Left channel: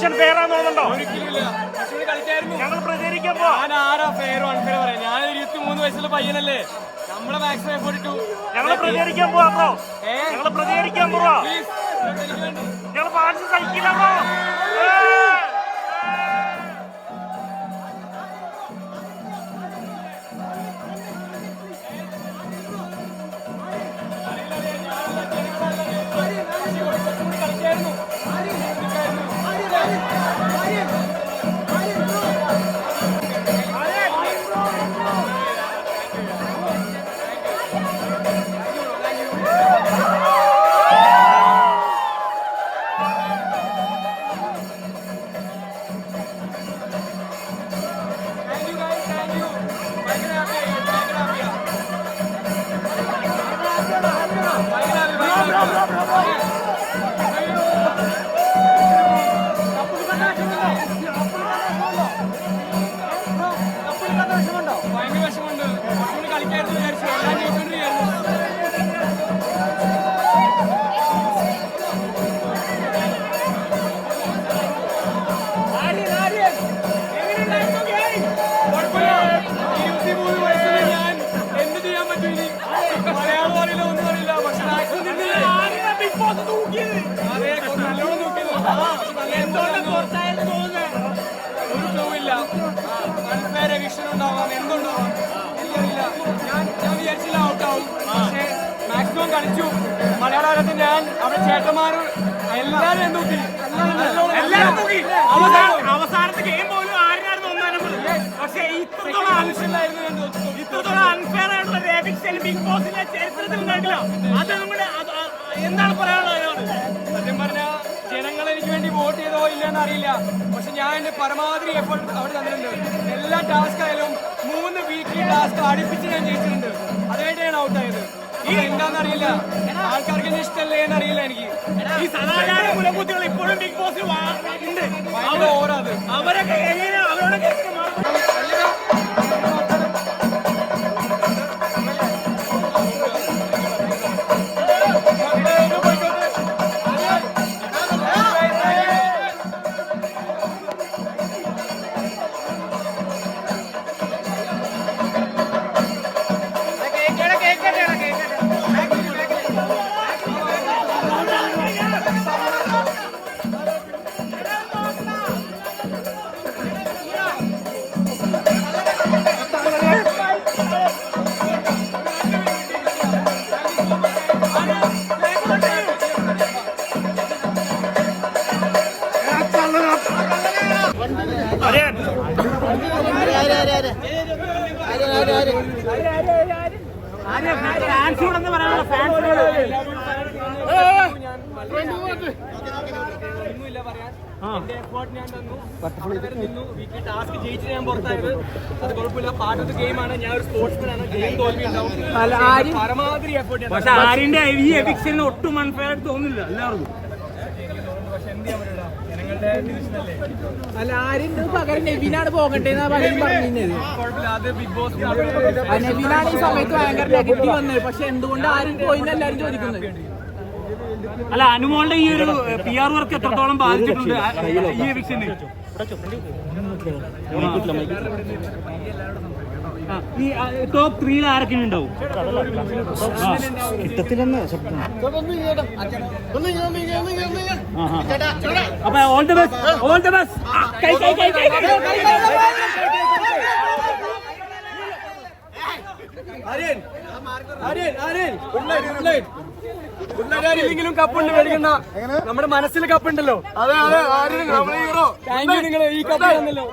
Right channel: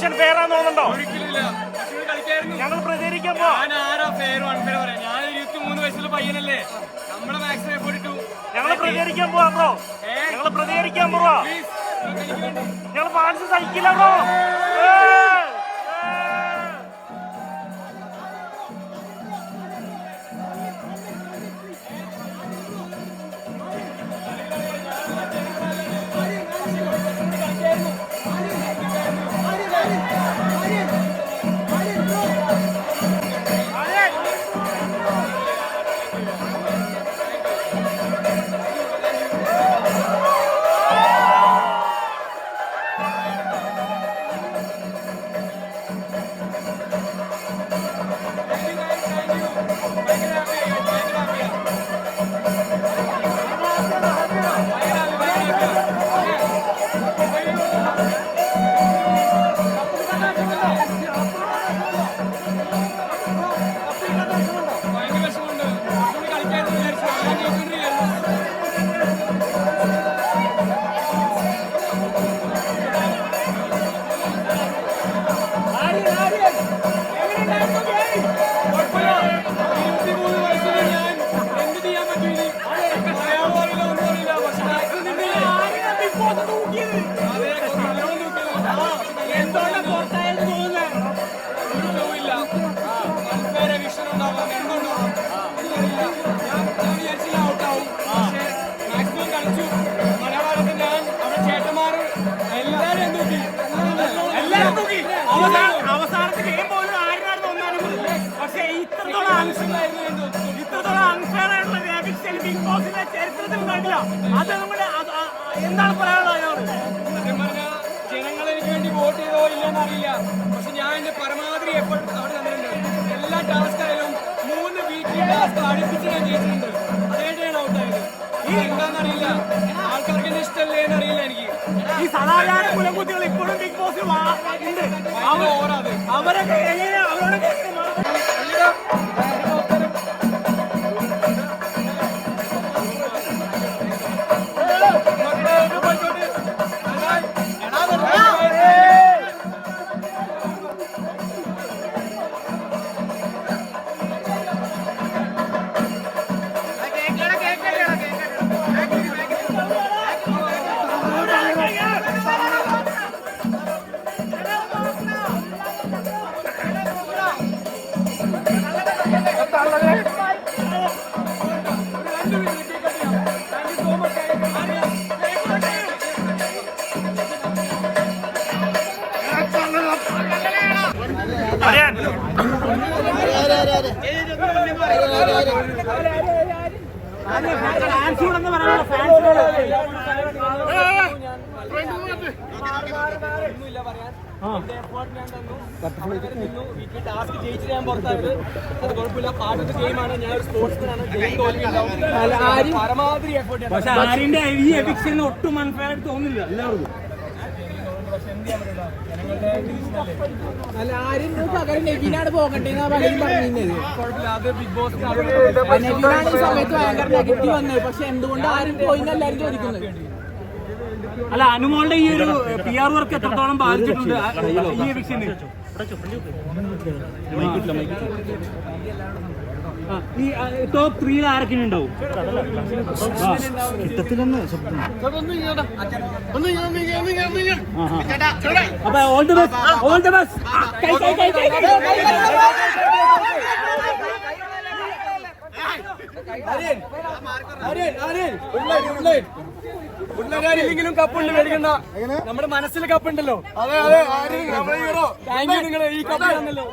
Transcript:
Eviction ആണെന്ന് തോന്നുന്നുണ്ടോ? ഞങ്ങൾ ഫെയർ ഇട്ടു. ഞങ്ങൾ പ്രതികരിക്കാൻ പോവാ ബ്രോ. ഏ? ഞങ്ങൾ പ്രതികരിക്കാൻ പോവാ. ഞങ്ങൾ ഫാൻസ് സഹിക്കില്ല bro. Thank you guys, thank you. Thank you, Rafi. Thank you, Rafi. Unfair eviction ഉണ്ടാവാം എന്തുണ്ടാവാം? എനിക്കറിയില്ല. ഞാൻ ഞാൻ വിചാരിച്ചില്ല ഔട്ട് ആവും പക്ഷേ മാക്സിമം കളിച്ചു. മലയാളത്തിൽ ഞാൻ അവിടെ ചേട്ടന്മാർ എല്ലാവരും എന്തൂക്കി എല്ലാവരും തൂക്കി അവസാനത്തെ ഗെയിം പോലും ആരിനായിരുന്നു ഒന്നാം നമ്പർ പക്ഷേ ഇത്രത്തോളം അൺഫെയർ ആയിട്ടുള്ള ഒരു ബിഗ് ബോസിന്റെ ചരിത്രത്തിൽ കണ്ടില്ല അത് നമ്മുടെ എന്താണ് പറയാനുള്ളത്? സത്യം പറഞ്ഞ ജനങ്ങൾ എനിക്ക് വേണ്ടി വോട്ട് ചെയ്തോ ഇല്ലെന്ന് അറിയില്ല. പക്ഷെ ഞാൻ എന്റെ പരമാവധി എഫേർട്ട് അവിടെ തന്നിട്ടുണ്ട്. എല്ലാ ടാസ്ക് ആയാലും മൂന്ന് വീക്കിലി ടാസ്ക് അടുപ്പിച്ച് ഞാൻ ജയിച്ചിട്ടുണ്ട്. അതുകൊണ്ടാണ് ഔട്ട് ആയത്. ഈ എന്താണെന്ന് അറിയില്ല. ആൾക്കാർക്ക് എന്നെ ഇഷ്ടമല്ലേ എന്ന് അറിയില്ല എനിക്ക്. ഈ സദാചാര കുലകുത്തികൾ ഇപ്പോഴും ബിഗ് ബോസിൽ ഉണ്ട്. അവരൊക്കെ എങ്ങനെ അവരോടൊക്കെ എങ്ങനെ ഞാൻ ഞാൻ അത് ഗെയിമാണ് ഞാൻ ഒരു സ്പോർട്സ്മാൻ ആണ് ഗെയിം പക്ഷെ ആരിന്റെ ഈ എവിക്ഷന് ഒട്ടും അൺഫെയർ ആയിട്ട് തോന്നുന്നില്ല എല്ലാവർക്കും. അല്ല? ആരും പകരം നെവിനാണ് പോകണ്ടേന്ന് ആ നെവിനാണ് ഈ സമയത്ത് ഭയങ്കര നെഗറ്റീവ് വന്നത്. പക്ഷെ എന്തുകൊണ്ട് ആരും പോയിന്ന് എല്ലാരും ചോദിക്കുന്നത്? അല്ല അനുമോളുടെ ഈ ഒരു പി ആർ വർക്ക് എത്രത്തോളം ബാധിച്ചിട്ടുണ്ട്? ഈ എവിക്ഷന് ഈ ടോപ്പ് ത്രീയിൽ ആരൊക്കെ ഉണ്ടാവും അപ്പൊ all the best all the best കൈ കൈ കൈ കൈ കപ്പുണ്ട് മേടിക്കണ്ട നമ്മുടെ മനസ്സിൽ കപ്പുണ്ടല്ലോ അതെ അതെ താങ്ക് യു നിങ്ങൾ ഈ കപ്പ് തന്നല്ലോ